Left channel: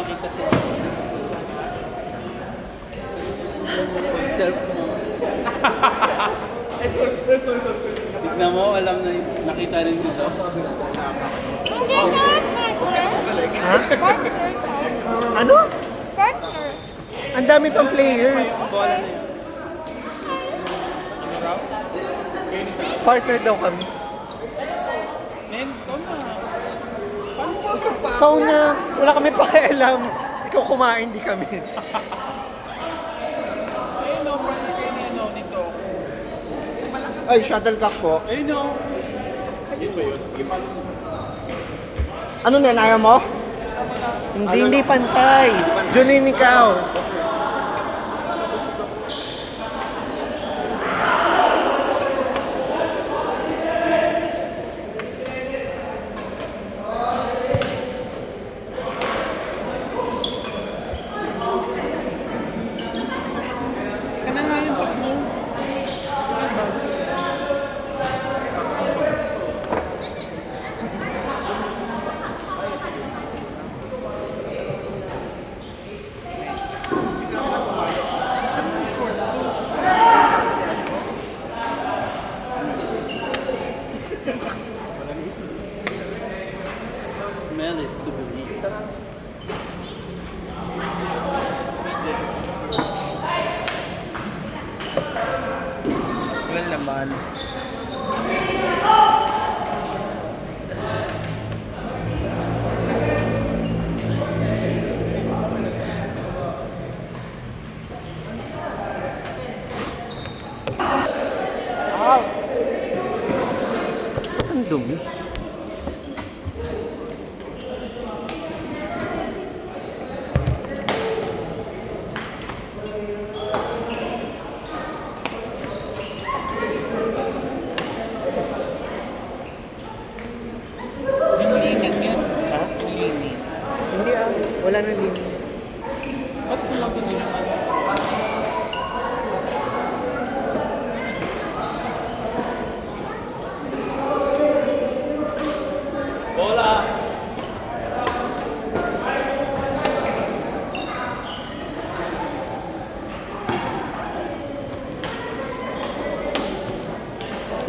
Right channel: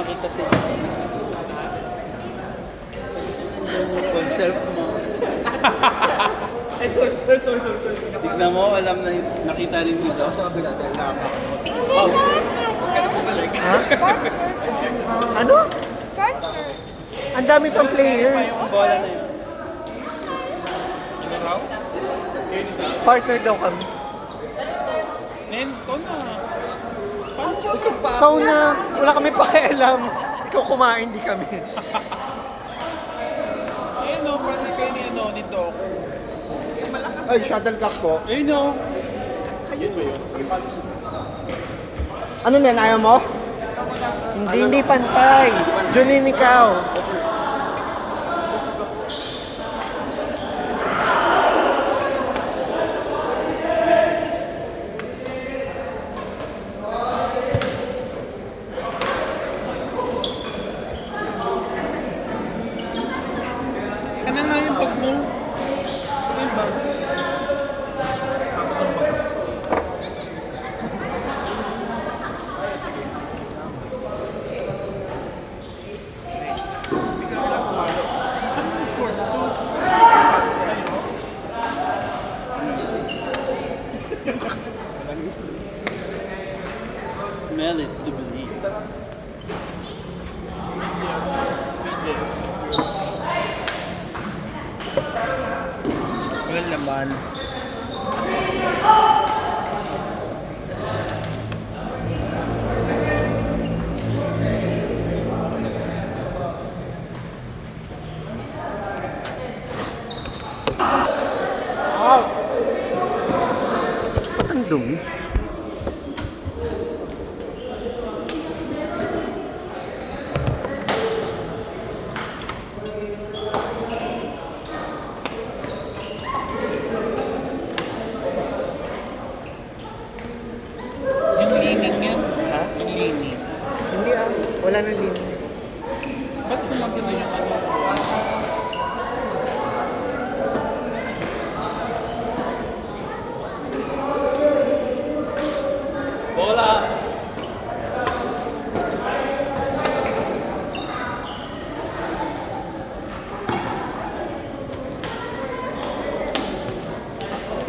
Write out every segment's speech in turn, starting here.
makita siya. Self mo. Tignan mo, alam na nakita rin dito. Ha? Ano? Ang dami pang players. Bola na yun. Partner daw kami. Men, ikaw na. Ikaw na. Wala kami pakialam. Ikaw kumain, di kami. Ayun o, brother kayo na ano nito. Ay, shuttlecock po. Ayun o. Ano yan, ayaw mo? Hindi pantay. Julin, ikaw. Kanan nga yung pag mo. Smell it to believe. Well naman. Ba't ang dumi? Yung lingan yun. Ha? Yung lingan. Hindi ah. Wala na lim. Ba't kumagin din yung ano?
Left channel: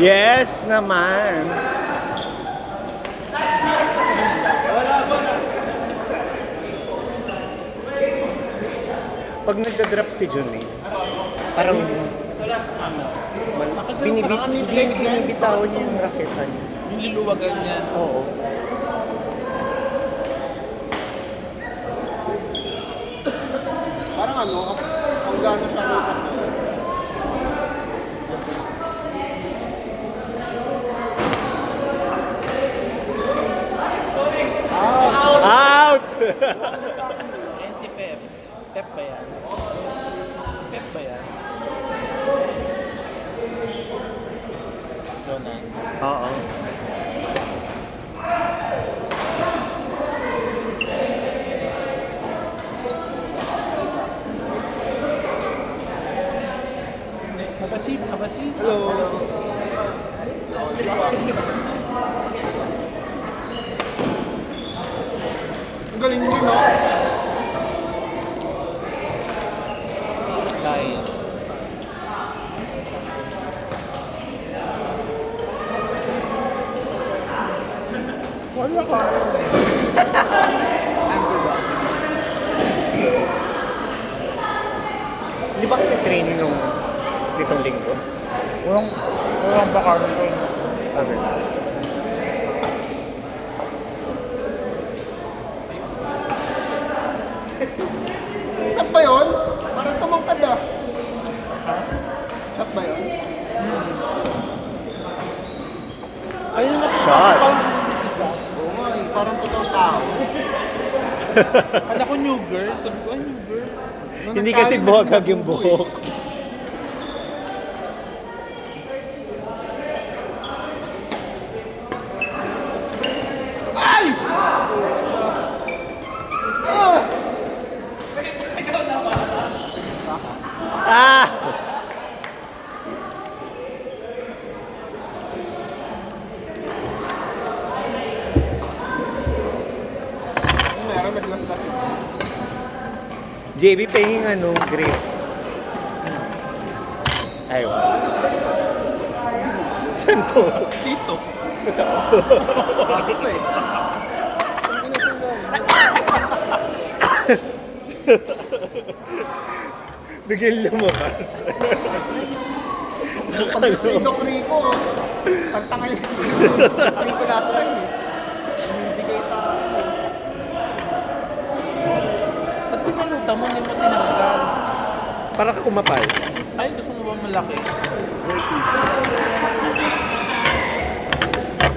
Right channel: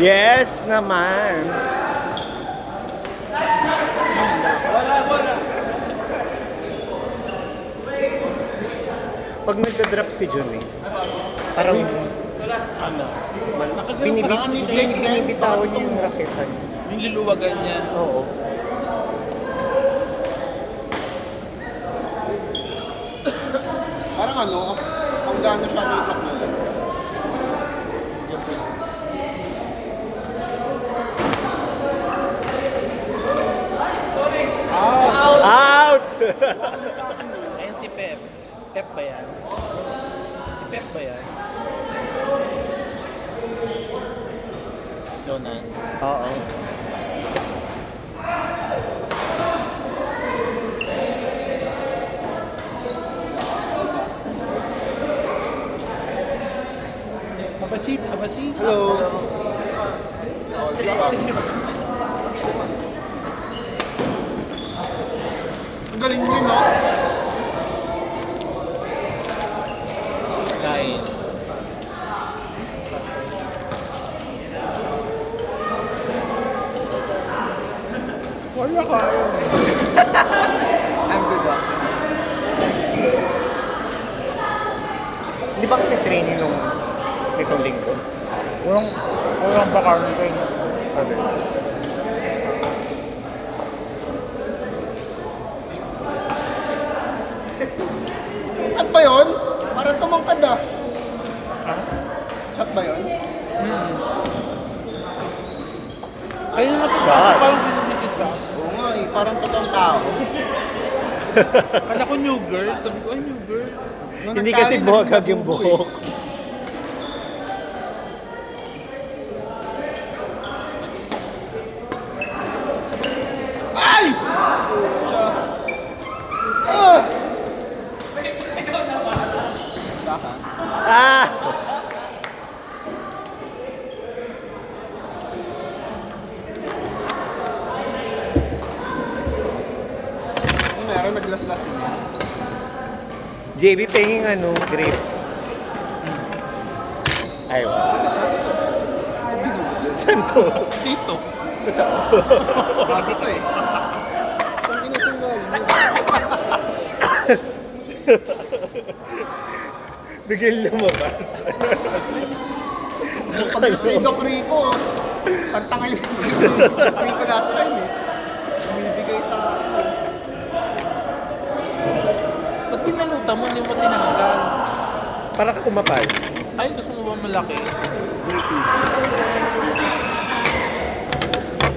Yes naman. Pag nagda-drop si Jun parang Ano? binibitawan niya yung raketa niya. Yung luluwagan niya. Oo. Parang ano, ang gano'n siya dito. Out! Ayan si Pep. Pep ba yan? Pep ba yan? Donay. Oo. Habasib, habasib. Hello. Ang galing mo. Kain. Wala ka. I'm good one. Di ba kayo training nung nitong linggo? Walang bakal ko. Okay. Isap ba yun? Para tumangkad ah. Isap ba yun? Ayun nga po. Shot. Parang sinumisita. Oo nga eh, parang totoong tao. Kala ko new girl. Sabi ko, ay new girl. Nung Hindi nagtalo, kasi naging buhagag yung mabubo buhok. Ay! Ah! Meron naglaslas. JB penging ano, grape. Ay, wow. Saan to? Dito. Totoo. Ito eh. Ang inasal mo. Bigyan lumabas. Sabi ko yung Rico. Ang tangay ko. Rico last time eh. Bumibigay sa akin. Ba't pinalutan mo, hindi mo tinanggal? Para ka kumapal. Ay, gusto mo ba malaki? Dirty.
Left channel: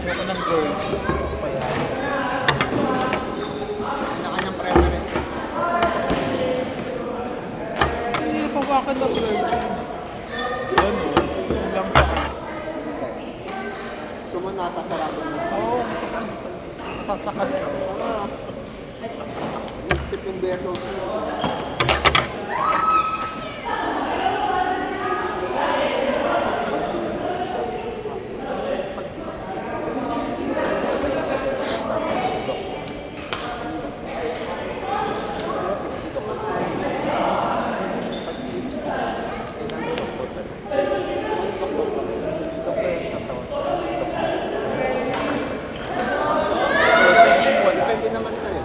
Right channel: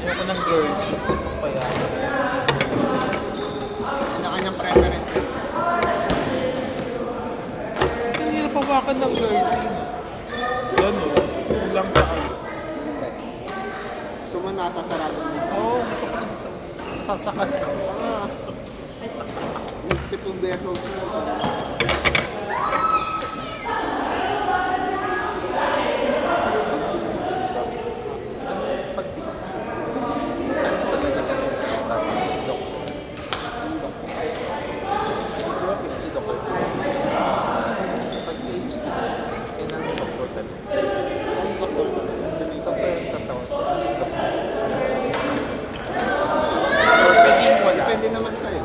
Ayoko ng gold. Kaya, Kanya-kanyang preference. hindi na pawakan ng gold. Yan o. Yung lang sa ano. Gusto mo nasa sarado mo. Oo, masakit. Sasakat ko. 7 pesos. Depende naman sa'yo.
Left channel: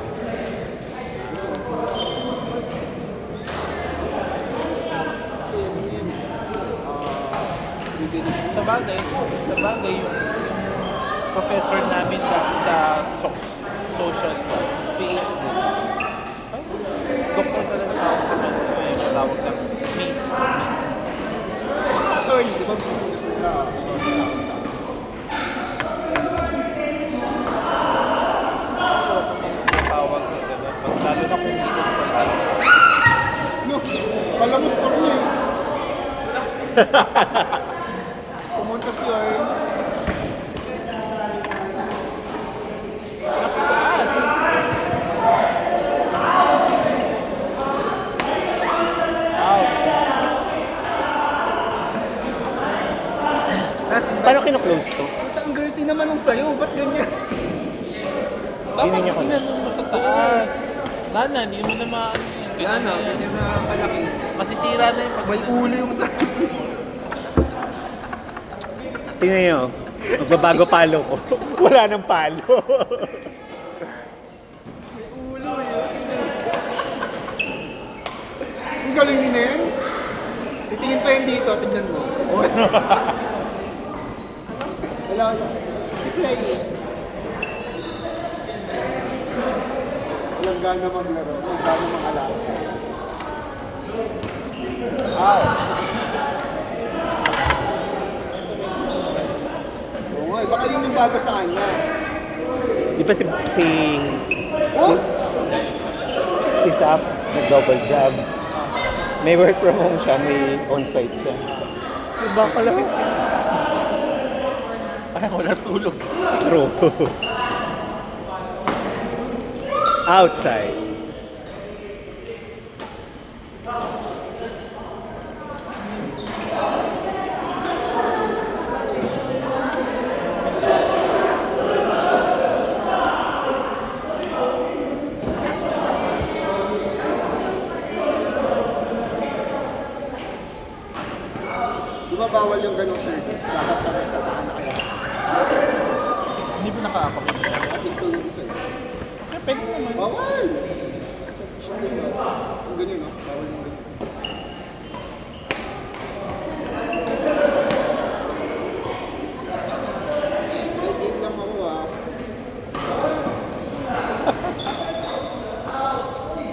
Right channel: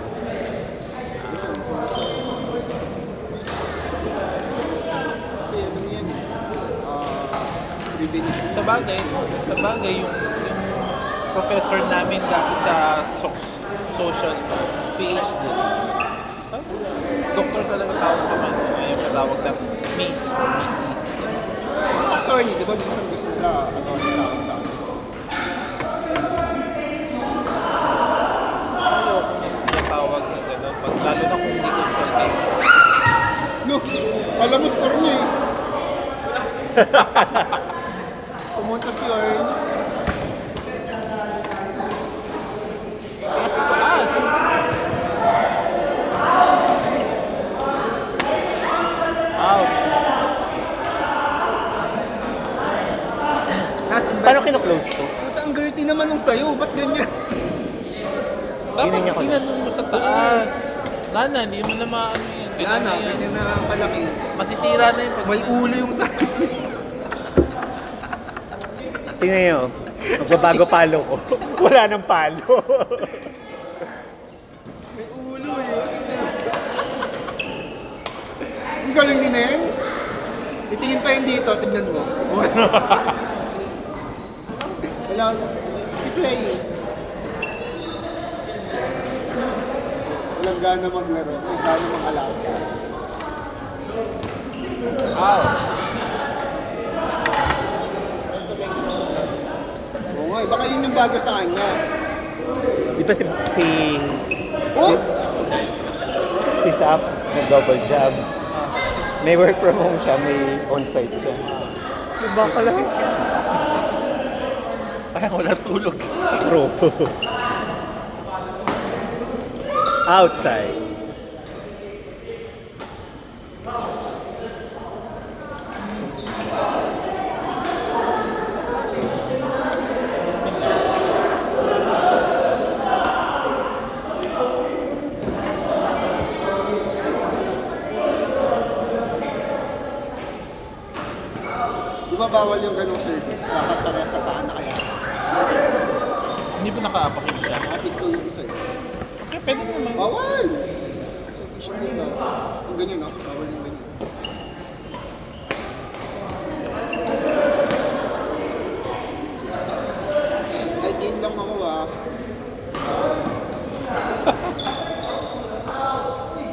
Kasi ano yan eh. Bibili. Sabagay yung professor namin dati sa social PhD. Ay, doktor talaga tawag sa man. Yung matawag na Miss or Mrs. Attorney, di ba gusto na attorney sa akin? Ayoko nang matawag na gano'n. Pag lalo na kung hindi consultant. No, alam mo score niya eh. Pumunta si Earl. Paano kino-close to? Puta, ang dirty naman nung sayo. Ba't ganyan? Dapat Ginanya ko na. ginanon mo sa taas. Lana, hindi mo na maano yung Wala na, ganyan na kalaki. Masisira na yung May uli yung sayo. Tingnan nyo. Magbabago palo ko. Wala nang palo. May ulo eh. Ang galing ni Nen. Itingin pa yun dito, tignan mo. Wala mo. I-play. Walang gana maglaro. May gana ng Alaska. Wow. Oo nga, baka yun yung bago sa kanya. Di ba si Oh! Sap nag-double job. May work from home siya, may on-site siya. Diba ka lang? Ay, wala tulog. True. Outside. Di ba bawal yung ganong service? Nakatara sa paa kaya. Hindi ba naka-apak yun? Kasi ito yung isa eh. Eh, pwede naman. Bawal! Sa official nila. Kung ganyan ah, bawal yung ganyan. Ay, game lang ako ah.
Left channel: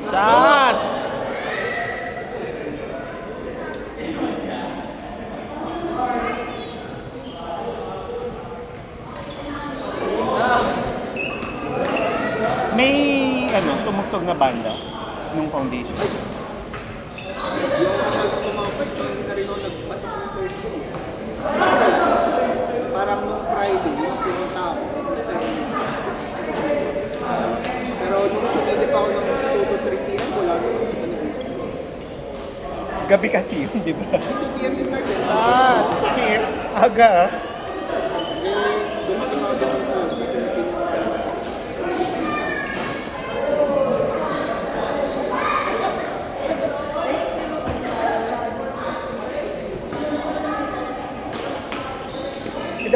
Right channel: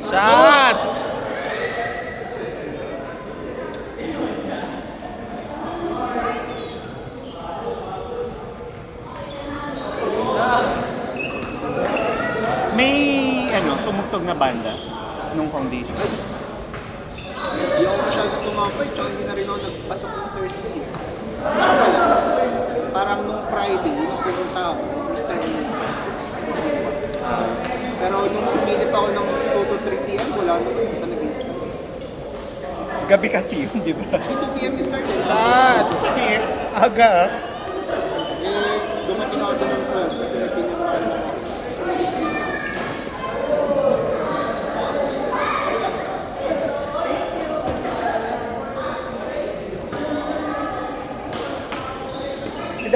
Shot! May tumugtog na banda nung foundation. Hindi ako masyadong tumapay, tsaka hindi na rin ako nagpasok ng Thursday eh. Parang wala. Parang nung Friday, nagpunta ako, Mr. Ernest. Pero nung sumilip ako ng 2 to 3 p.m., wala na nung panag-gusto. Gabi kasi yun, di ba? 2 p.m. is start eh. Aga. Eh, dumating ako doon sa phone kasi may pinuntahan ako. So, nag-gusto.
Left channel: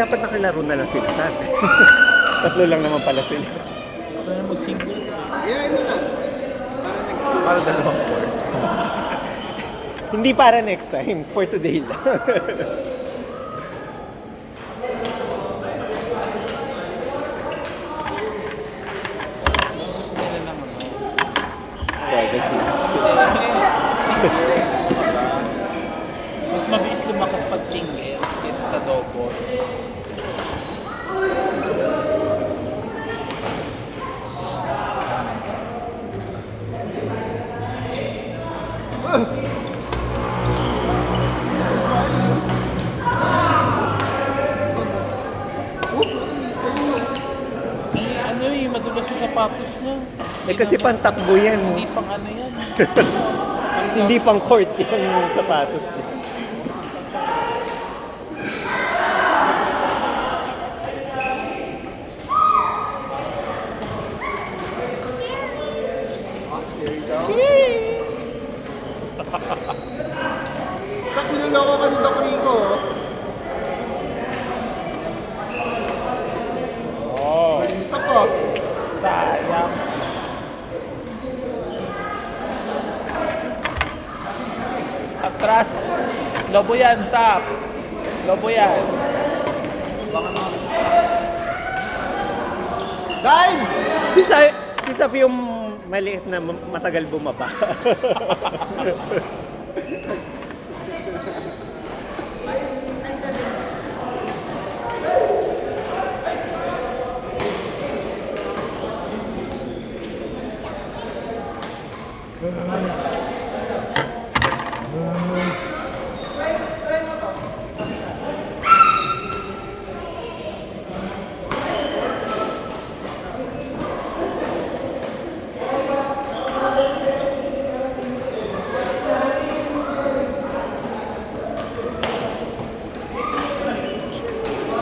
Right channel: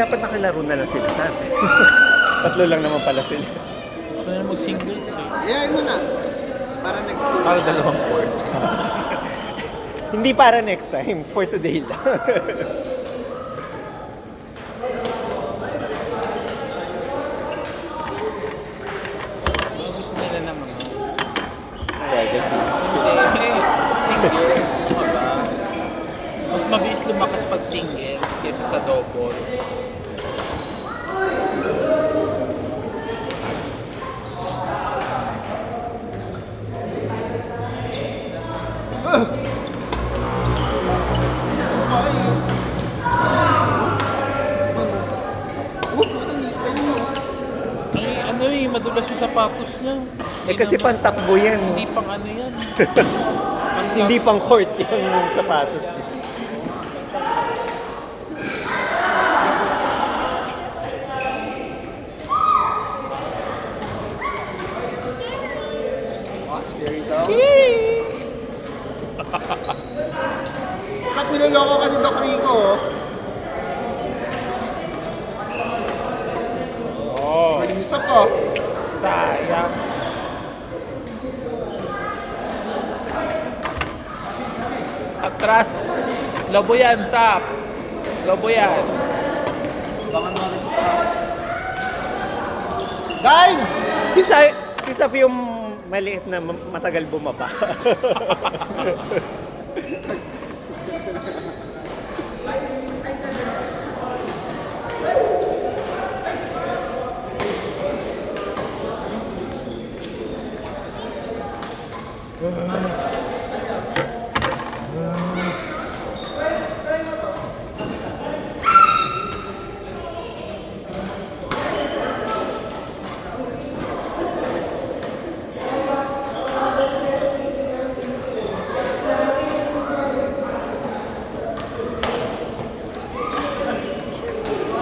dapat nakilaro na lang sila sa atin. Tatlo lang naman pala sila. Gusto na mag-singles eh. Yeah, mo nas. Para next week. Para dalawang point. Hindi para next time, for today lang. Mga gusto nila naman. Privacy. Singles, diba? Mas mabilis lumakas pag singles kaysa sa doubles. Ay, ano yung madulas yung sapatos niya. Eh kasi pantakbo yan. Hindi pang ano yan. Hindi pang court yung sapatos niya. Sak, niloloko ka ng Rico. Oh, Malinis ako. sayang. Atras. Lobo yan, Sap. Lobo yan. Dime! Si Saf yung maliit na matagal bumaba.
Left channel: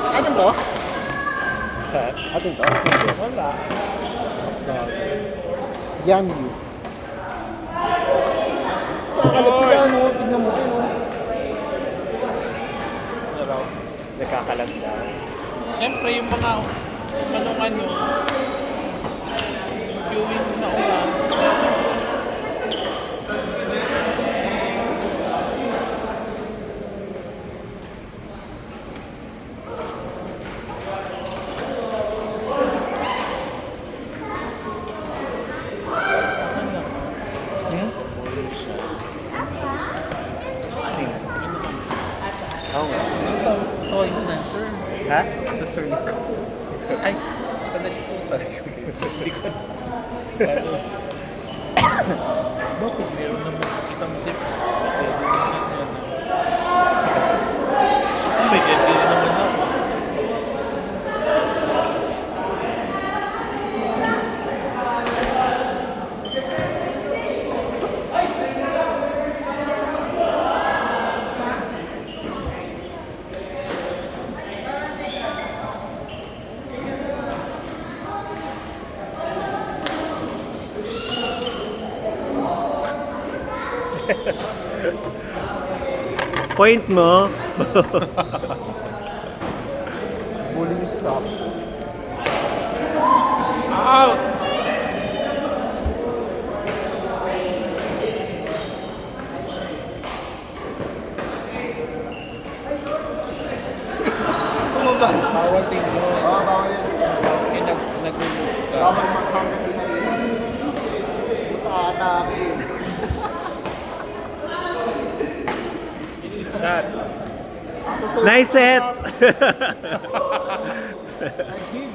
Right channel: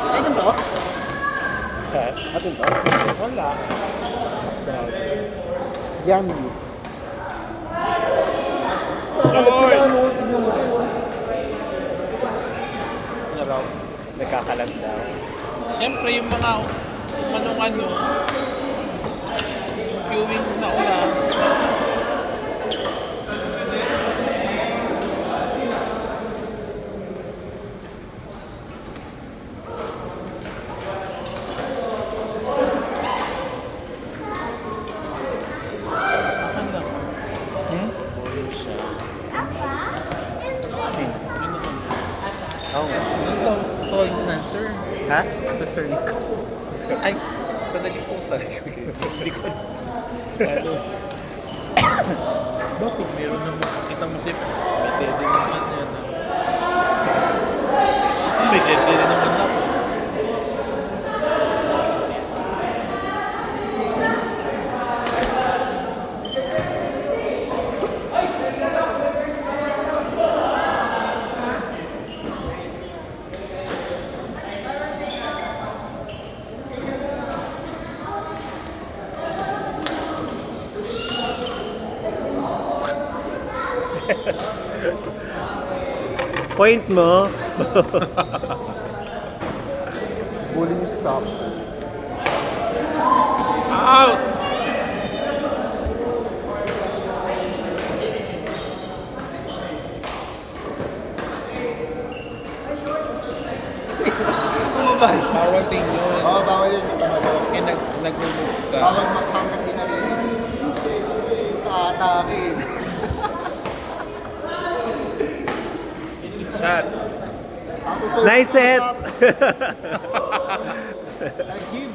Atin to? Atin to? Wala. Yan you. Kalat sila ano, tignan mo. Ano raw? Nagkakalag daw. Siyempre yung mga ano, viewings na ulan. Akin na. Hmm? Siya. Sino? Ano naman? Oo nga. Ito, tall na, sir. Ha? The sir Nichols. Ay, sandali po pala. Hindi ko. Paano? Bakit meron naman makikita mo si Pwede naman yan. Pwede naman ako. Point mo. Bully sa Sak. Out! Bawal tingin. Bawal yan. Eh, nag-remove ka. Atake. Shot. Nice set! I give.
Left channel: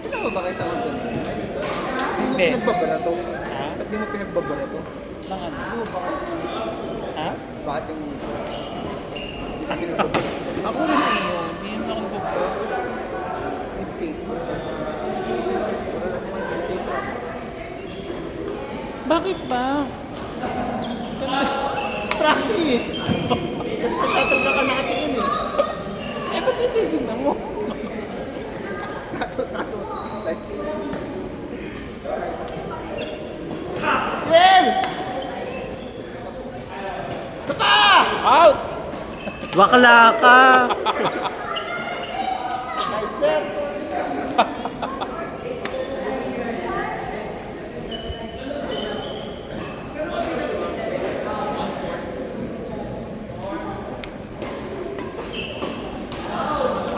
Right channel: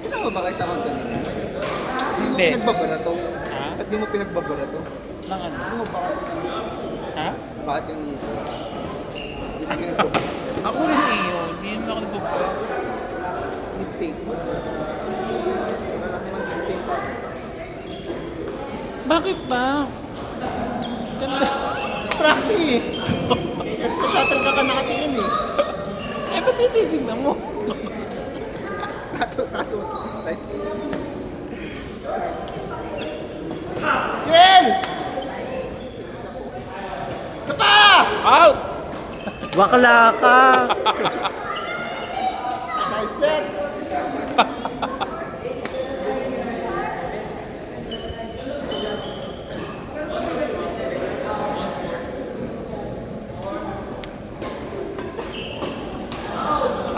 Kasama ba kayo sa akin kanina? Hindi. Hindi mo pinagbabara to? Ha? Ba't di mo pinagbabara to? Nang ano? Ha? Bakit yung nito? Hindi mo pinagbabara. Ako lang iyo. Hindi naman ako nagpo-pro. Mid-take. Bakit ba? Ganda. Strappy eh! Kasi sa shuttle ka nakatingin eh. Eh, ba't tinitignan mo? Rato-rato sa side. Ken! Out! Bakla ka! Nice set!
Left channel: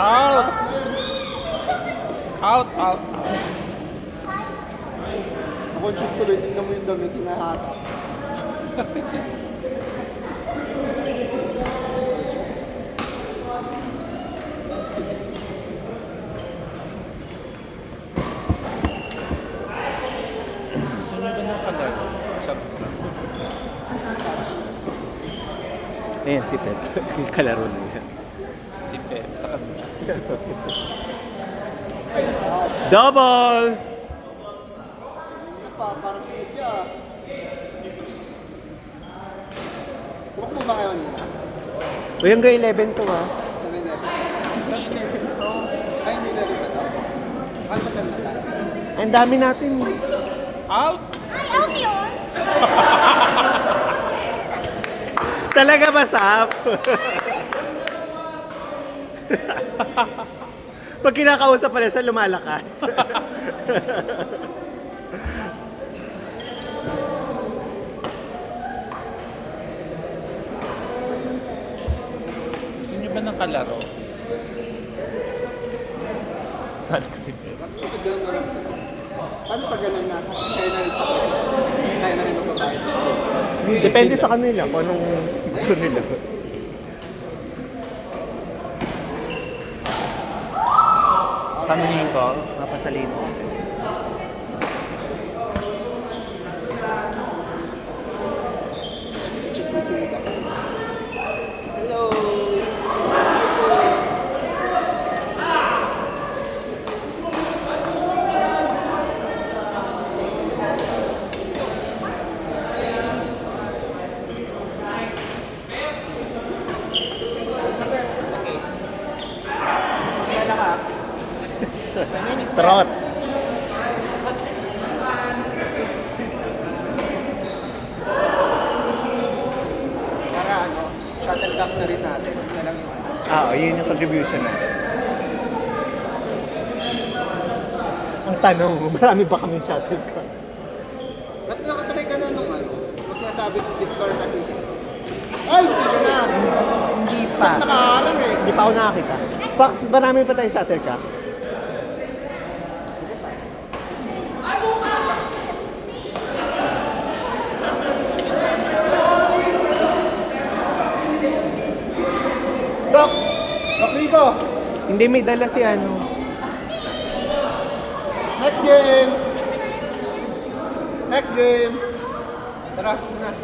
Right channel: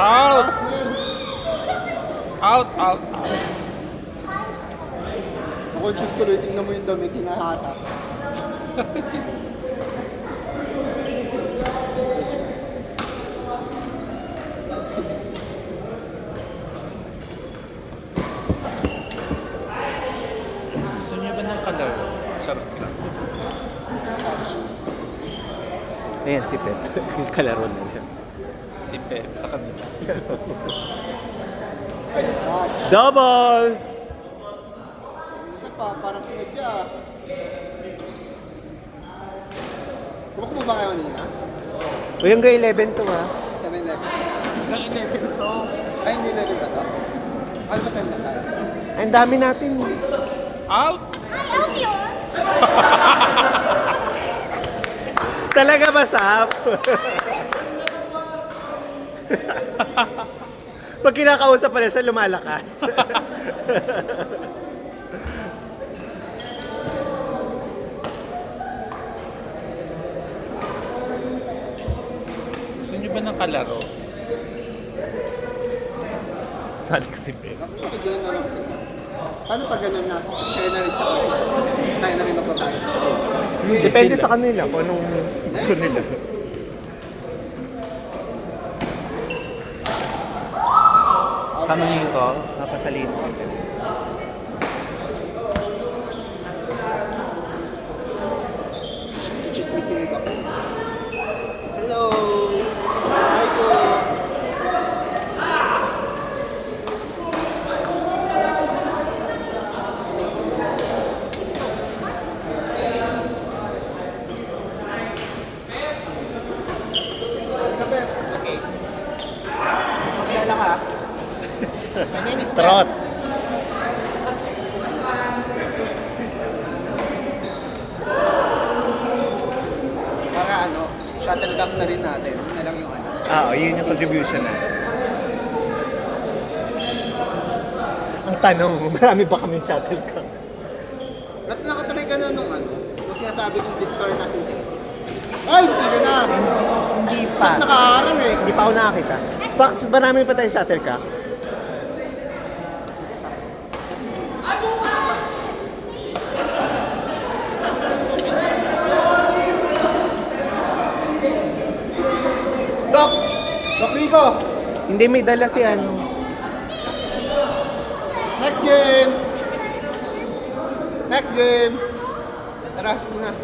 Out! Last na yan. Out! Out! Conscious ko rin, tingnan mo yung damit, hinahatak. Gusto nyo ba ng kalaro? Charot. Ayan, si Pet. Yung kalaro na yan. Si Pep sa kanila. Double! Isa pa, parang sunod ka. Tulak mo ba kayo nila? O yung grade 11 to ha. 7-11? Nainipin ko. Ay, hindi natin ba ito? Ano ba tayo na tayo? Ay, ang dami natin. Out! Talaga ba, Sap? Pag kinakausap pala siya, lumalakas. Gusto nyo ba ng kalaro? Sali ko si Pep. Kapag gano'n na lang siya. Paano pag gano'n na share na rin sa akin? Tayo na rin magpapayad. Depende sa kanila kung anong gusto nila. Kamunin ko, napasalin ko. Chismisin ko. Hello! Hi po! My name is Trot. Para ano, shuttlecock na rin natin. Yun na lang yung ano. Yun yung contribution natin. Ang tanong, marami ba kami shuttlecock? Nakatry ka na nung ano, sinasabi ko Victor na synthetic. Ay, tayo na! Hindi pa. Nakaharang eh. Hindi pa ako nakakita. Fox, marami pa tayong shuttlecock. Doc! Doc Rico! Hindi, may dala si ano. Next game! Next game! Tara, Lunas.